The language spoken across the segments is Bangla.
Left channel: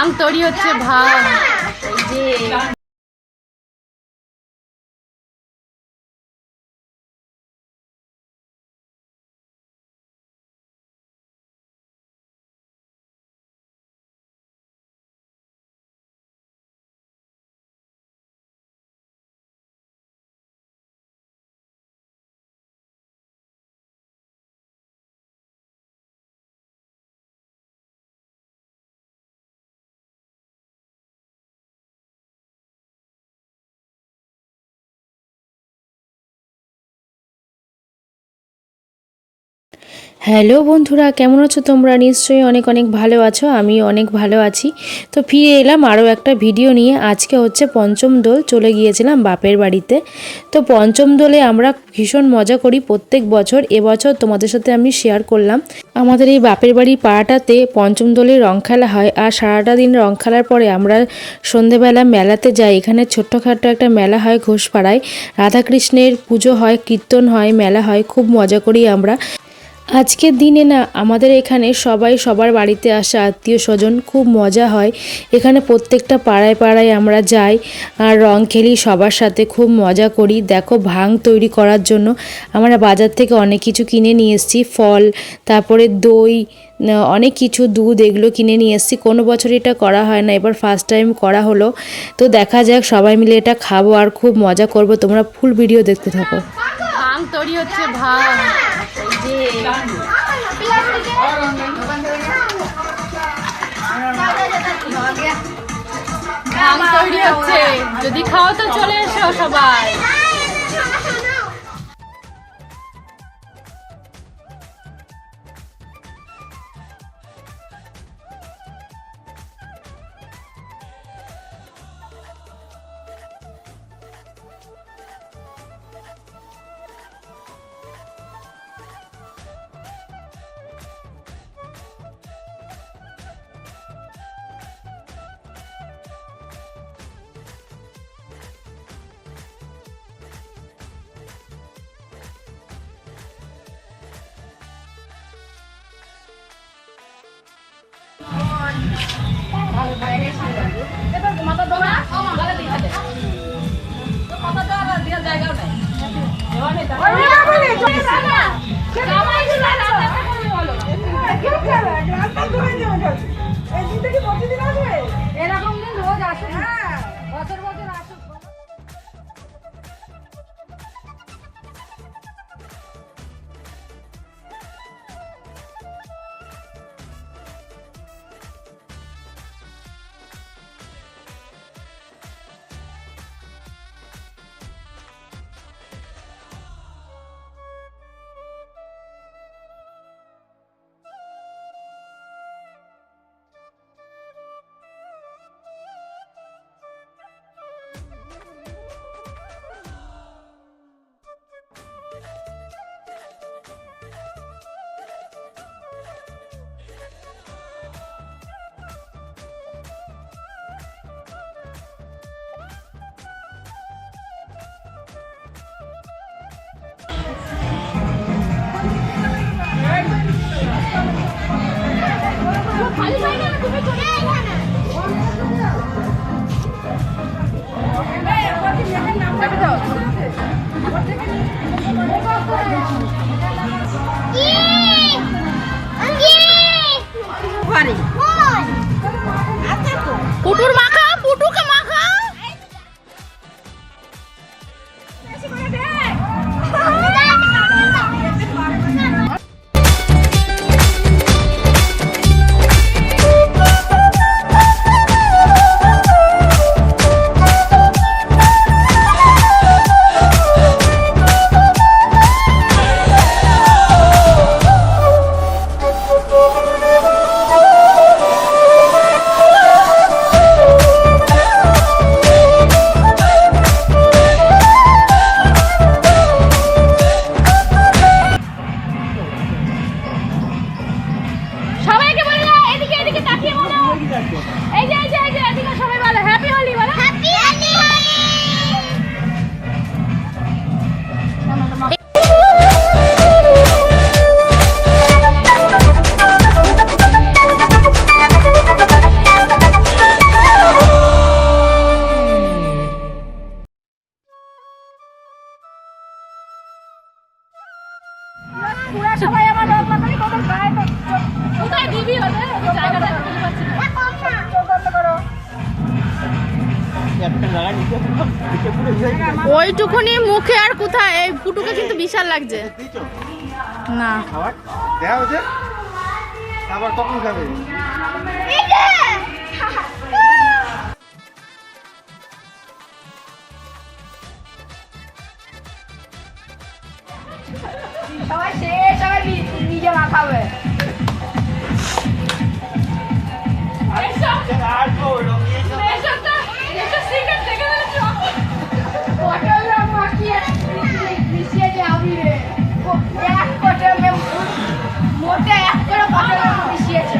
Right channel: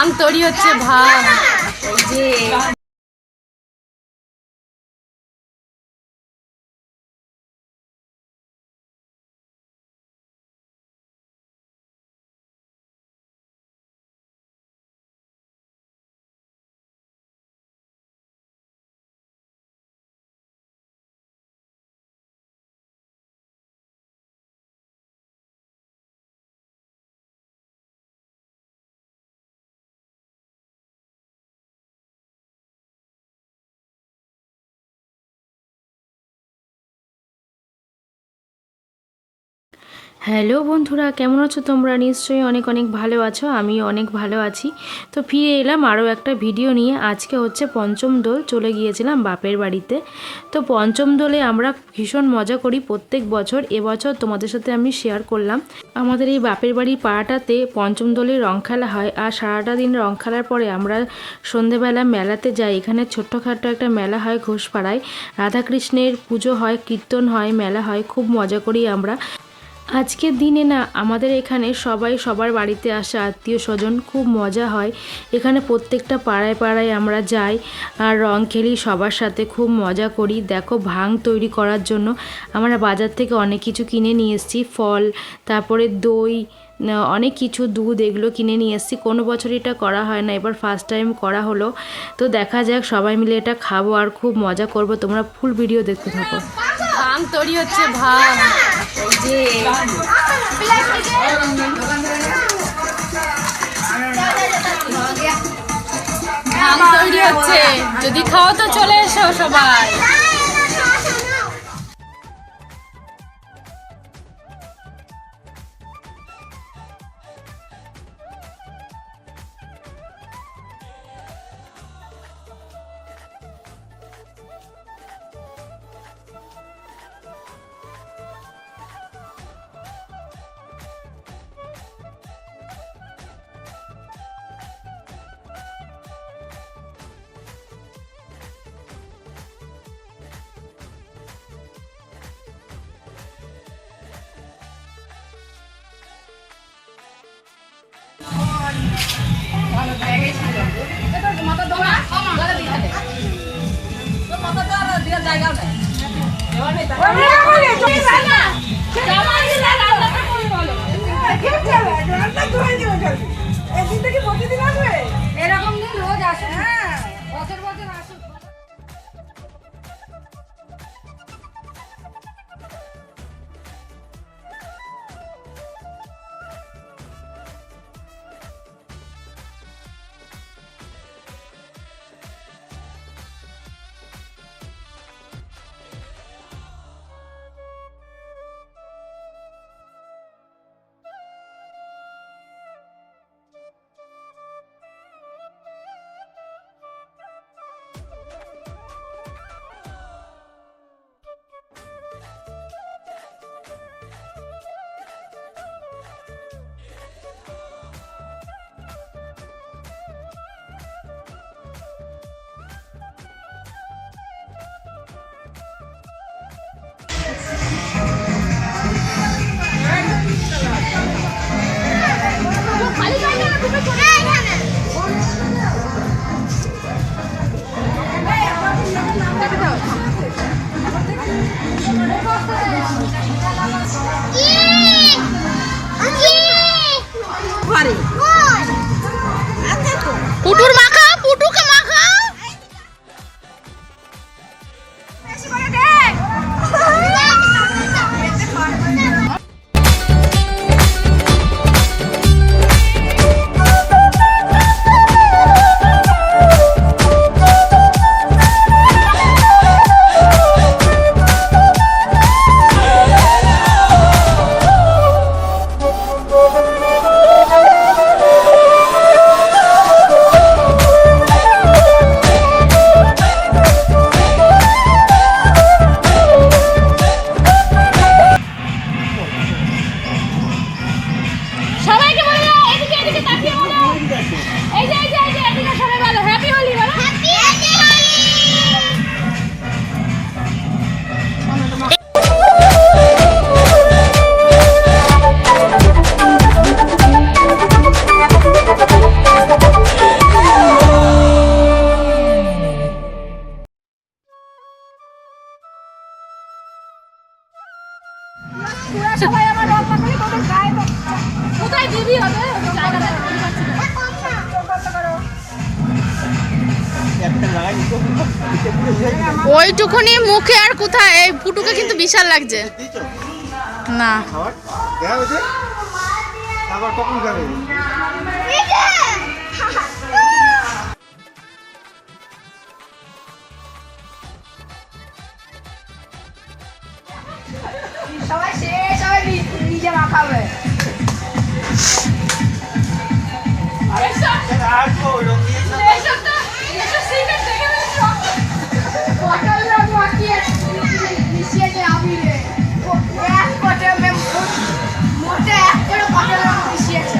ভাং তৈরি হচ্ছে, ভাং। এই যে হ্যালো বন্ধুরা, কেমন আছো তোমরা? নিশ্চয়ই অনেক অনেক ভালো আছো। আমি অনেক ভালো আছি। তো ফিরে এলাম আরও একটা ভিডিও নিয়ে। আজকে হচ্ছে পঞ্চম দোল, চলে গিয়েছিলাম বাপের বাড়িতে। তো পঞ্চম দোলে আমরা ভীষণ মজা করি প্রত্যেক বছর। এবছর তোমাদের সাথে আমি শেয়ার করলাম। আমাদের এই বাপের বাড়ি পাড়াটাতে পঞ্চম দোলে রং খেলা হয়, আর সারাটা দিন রং খেলার পরে আমরা সন্ধেবেলা মেলাতে যাই। এখানে ছোট্টখাটো একটা মেলা হয় ঘোষপাড়ায়, রাধাকৃষ্ণের পুজো হয়, কীর্তন হয়, মেলা হয়, খুব মজা করি আমরা। আজকের দিনে না আমাদের এখানে সবাই সবার বাড়িতে আসে, আত্মীয় স্বজন, খুব মজা হয় এখানে। প্রত্যেকটা পাড়ায় পাড়ায় আমরা যাই আর রং খেলি সবার সাথে, খুব মজা করি। দেখো, ভাং তৈরি করার জন্য আমরা বাজার থেকে অনেক কিছু কিনে নিয়ে এসেছি, ফল, তারপরে দই, অনেক কিছু, দুধ, এগুলো কিনে নিয়ে এসেছি। কোনো বছর এটা করা হয় না, এবার ফার্স্ট টাইম করা হলো। তো দেখা যাক, সবাই মিলে এটা খাবো আর খুব মজা করব। তোমরা ফুল ভিডিও দেখতে থাকো। ভাং তৈরি হচ্ছে, ভাং। এই যে ভাং তৈরি হচ্ছে, যদি খাও তো চলে এসো সবাই। এরকম দিন রোজ আসুন, বছর বছর আসুন। পুটুর মাখা, পুটুকে মাখা। ওইটুকুনি মুখে আর কোথায়, এই ফুটুকে কিন্তু বিশাল লাগছে না। আবার কখন খাবে? সবাই নিজে মাখাবে। মোটে এক করে পটল মিশিয়েছে।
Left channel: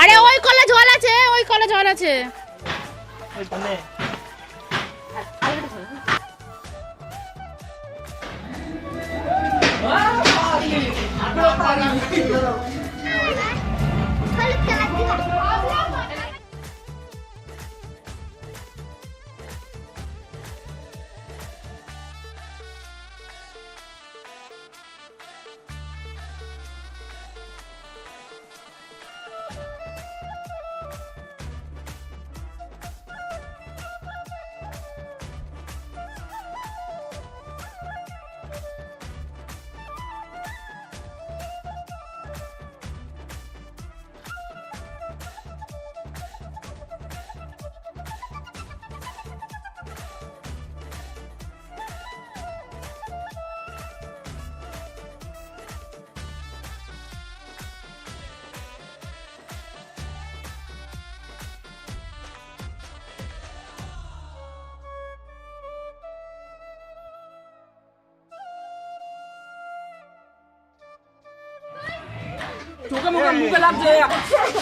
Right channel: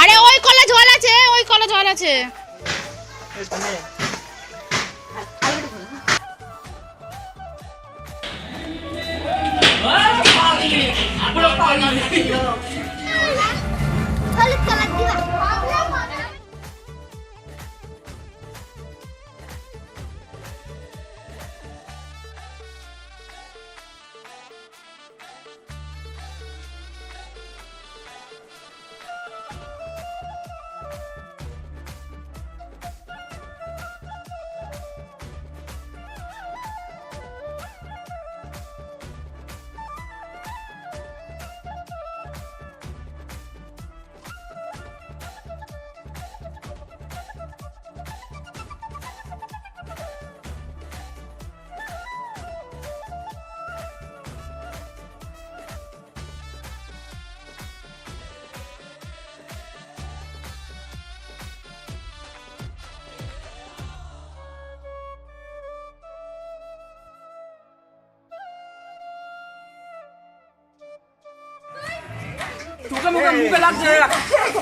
আরে ওই কলা জল আছে, ওই কলা জল আছে।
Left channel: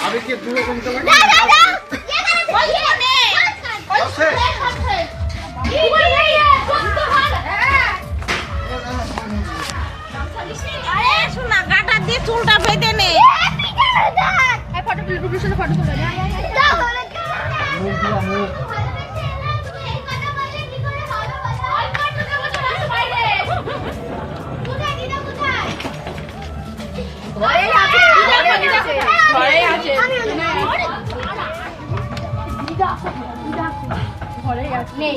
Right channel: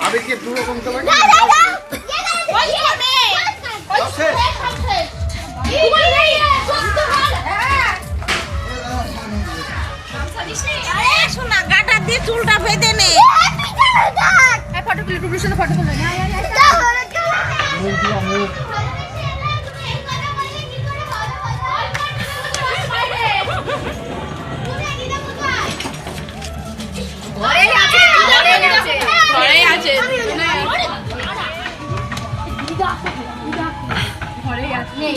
আমি কি পুরো কমতে পারি? শোনা গাটা দিয়ে চুলটা বেঁধে নে।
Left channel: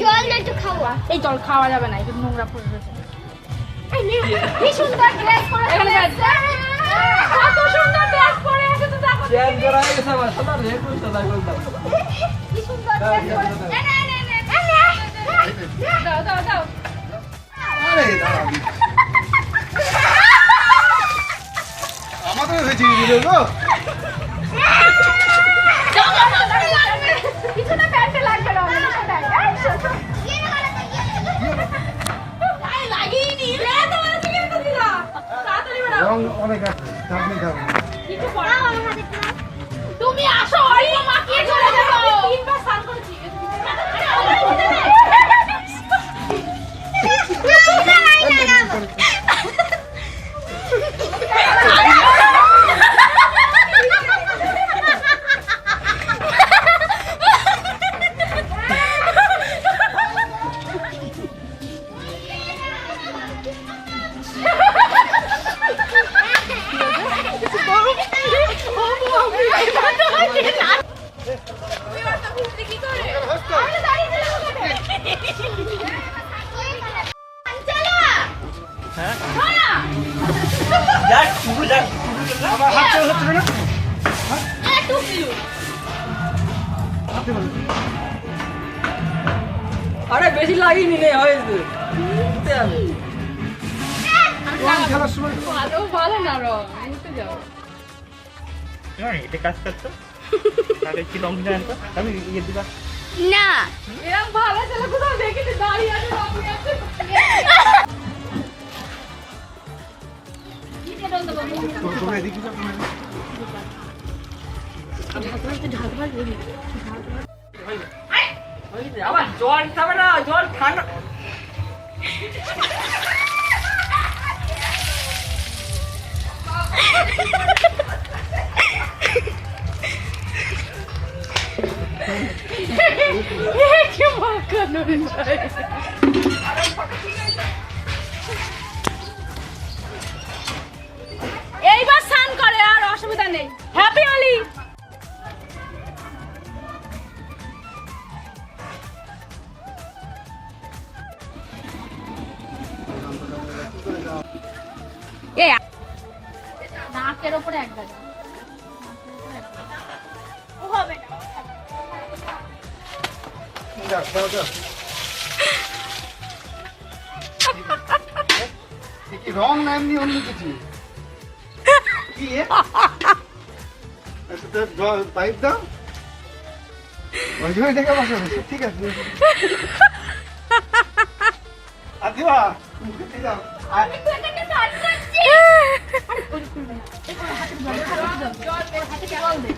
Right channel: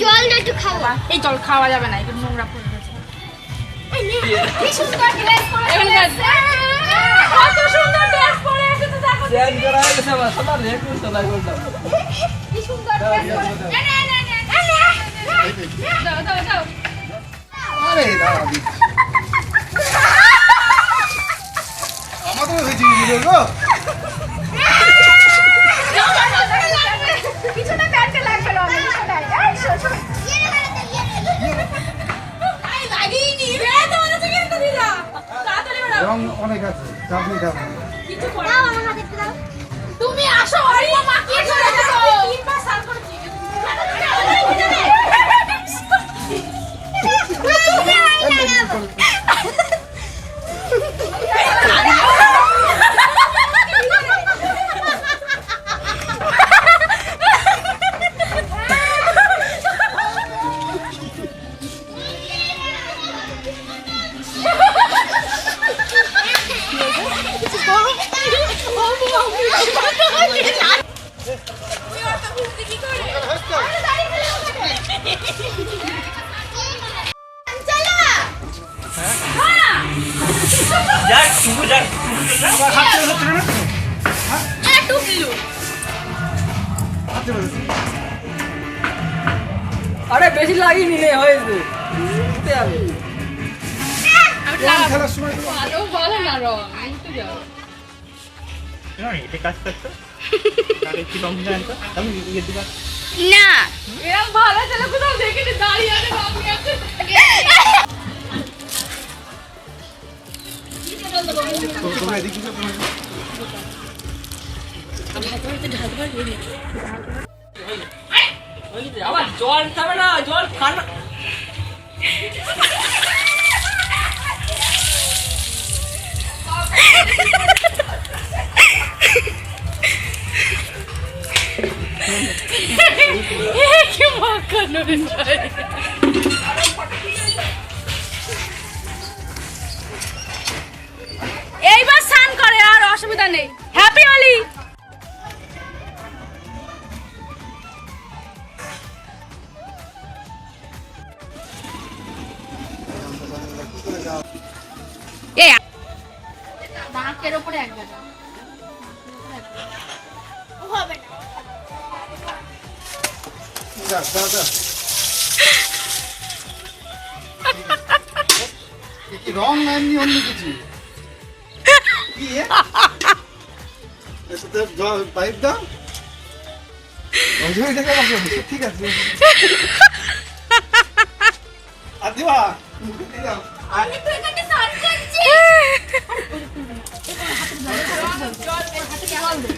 জলটা একটু খাওয়া। এই জল খাওয়া যাবে না, এটা নোংরা হয়ে গেছে। কি সুন্দর ড্রেস পরে এসেছে। কত সুন্দর ড্রেস পরে এসেছে দেখো। চেঞ্জ করা হয়ে গেছে আমার সাদা রে কোন সাদা করলাম। কি সুন্দর ড্রেস পরে। দাও দাও দাও। আরে দাঁড়া। আমাদের হয়েছে ভিডিও গো। পিছনে প্যান্টে লাগবে না ওটাই। এই শোনো। আই লাগিনি রে তোমার থেকে তো দিলা। তাড়াতাড়ি বেরো। রং অনেক আছে, আপনি খাবেন। কিছু পড়া তুমি আসো অরিও মাখিয়ে চলে যাও। তিনবার স্নান করেছি। আরে বেশি লাগিনি রে হয়েছে খেলার সময় ভালো ভালো না রং উঠে যাও। এটা কাজ করতো তাহলে কি রং জানেন তো আমি ইয়ে দিবা না এরকম ভালো ছেলে কোথাও দেখেছি দাঁড়িয়ে আছে বাবু আছে। তুমি এদিকে যাও, তুমি আবার জল খাবে না, জল ঠান্ডা। এইবার স্নান করে, আর অসুবিধা নেই। হ্যাপি হোলি। এই নাকের উপরে একবার হবে না। যা, যা, যা। এ কি রং না এমনি অন্য কিছু? কি এ? এটাতে পাইপ দাও। ওই জন্য এটাকে বসো, ঠিক আছে। আর দিবা, মুখে দিয়ে দাও। আমি তো এখানে স্নান করছি। হাতে জল দে।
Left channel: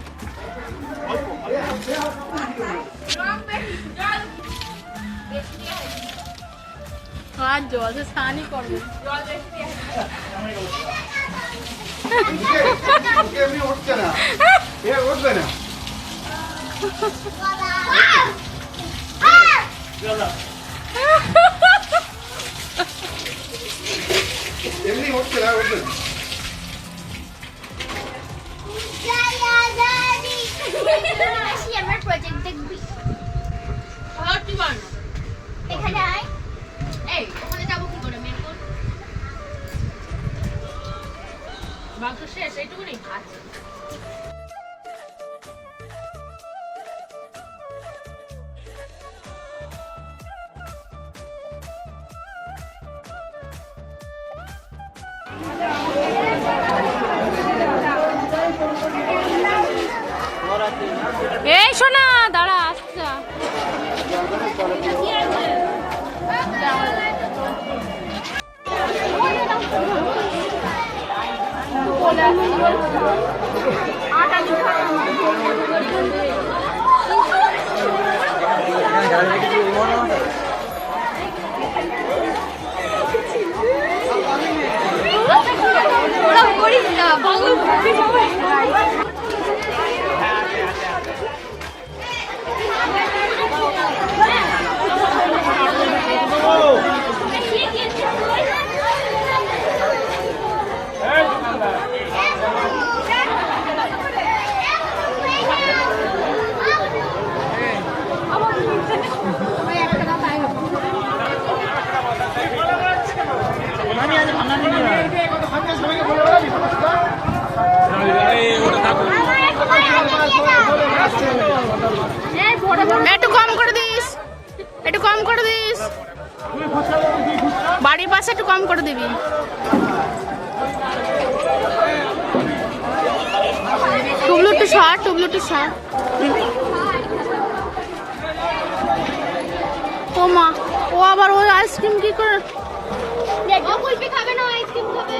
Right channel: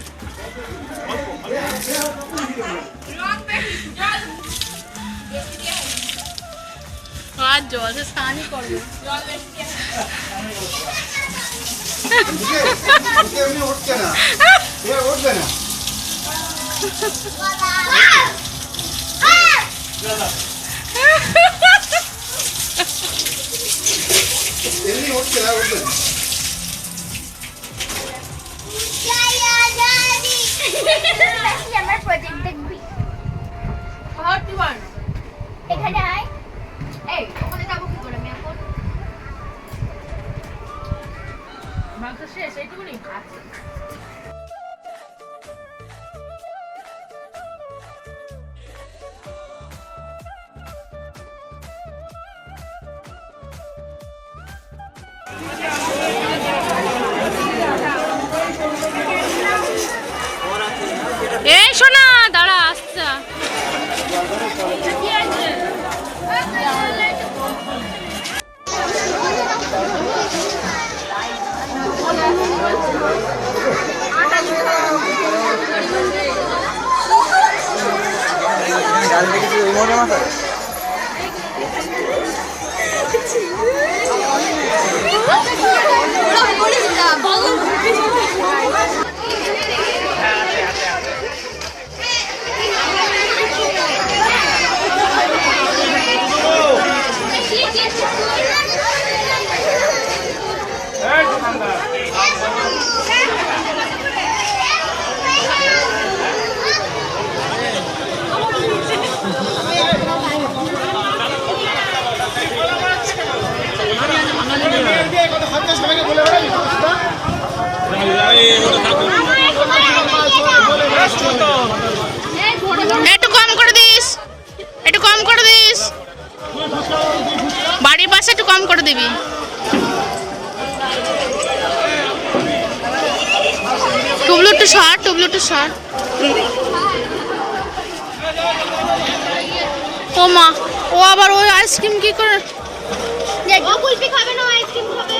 আর জল তো স্নানই করবে। মুখে এমনি উঠছে না। এ উঠবে না। এমনি উঠছে না, উঠবে না। আমার প্রজেক্ট দেখবি। এখানে আয়। এই ওখানে যাবো কি করে আমি এখন? মাংস শেষ এইটুকুনি? আচ্ছা। এই শোনা, দাঁড়া আসছে। একটু কম করে দিস, একটু কম করে দিস। বাড়ির পাশে একটু কম করে দিবি। টুবলু একটু সর, টুবলু একটু সর। ও মা, ও আবার ওই আইসক্রিম কি করে? ও কুলফি খাবে না, আইসক্রিম খাবে।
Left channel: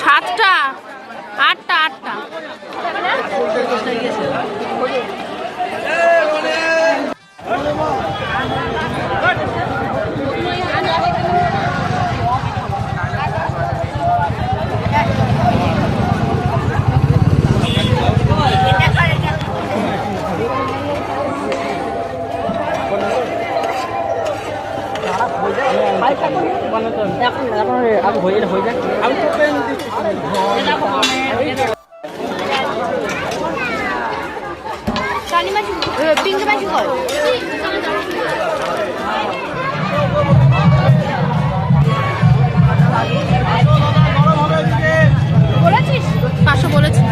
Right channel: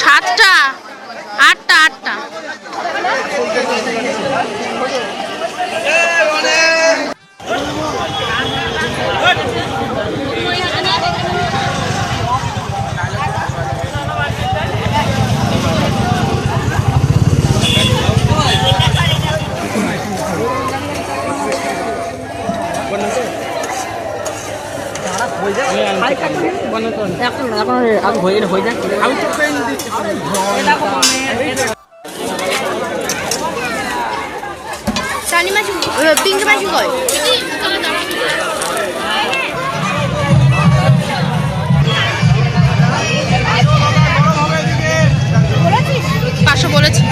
সাতটা, আটটা, আটটা। চানি মাছ, পিঙ্ক মাছ কই? পাঁচশো বলেছি।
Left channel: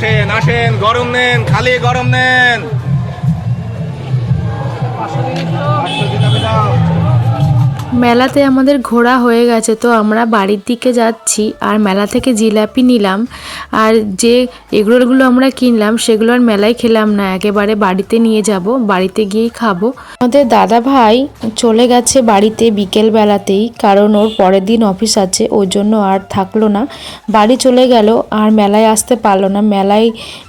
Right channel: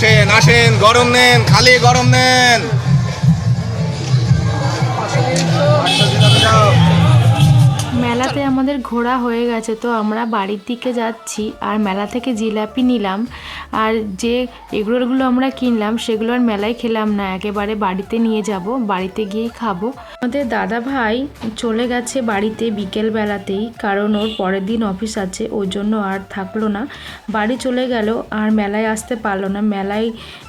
আসেন আসেন, গরম নেন, খালি গরম নেন। মেলাতে আমাদের ঘোরা হয়ে গেছে, তো আমরা বাড়ির দিকে যাচ্ছি। আর মেলা থেকে জিলাপি নিলাম, আর যে এগরোলগুলো আমরা কিনলাম সেগুলো আর মেলায় খেলাম না, একেবারে বাড়িতে নিয়ে যাব, বাড়িতে গিয়েই খাবো। আমাদের দাদা ভাই চলে গেছে বাড়িতে বিকেলবেলাতেই, কারণ ওর পরের দিন অফিস আছে, ওর জন্য আর থাকলো না, বাড়ি চলে গেল। আর মেলায় আসতে পারলো না, মেলায়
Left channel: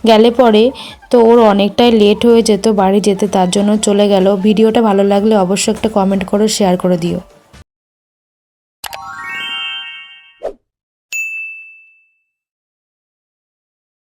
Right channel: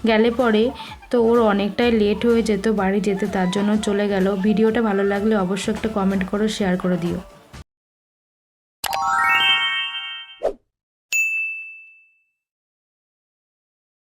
গেলে পরে তো ওর অনেকটাই লেট হয়ে যেত বাড়ি যেতে, তার জন্য চলে গেল। ভিডিওটা ভালো লাগলে অবশ্যই একটা কমেন্ট করো, শেয়ার করে দিও।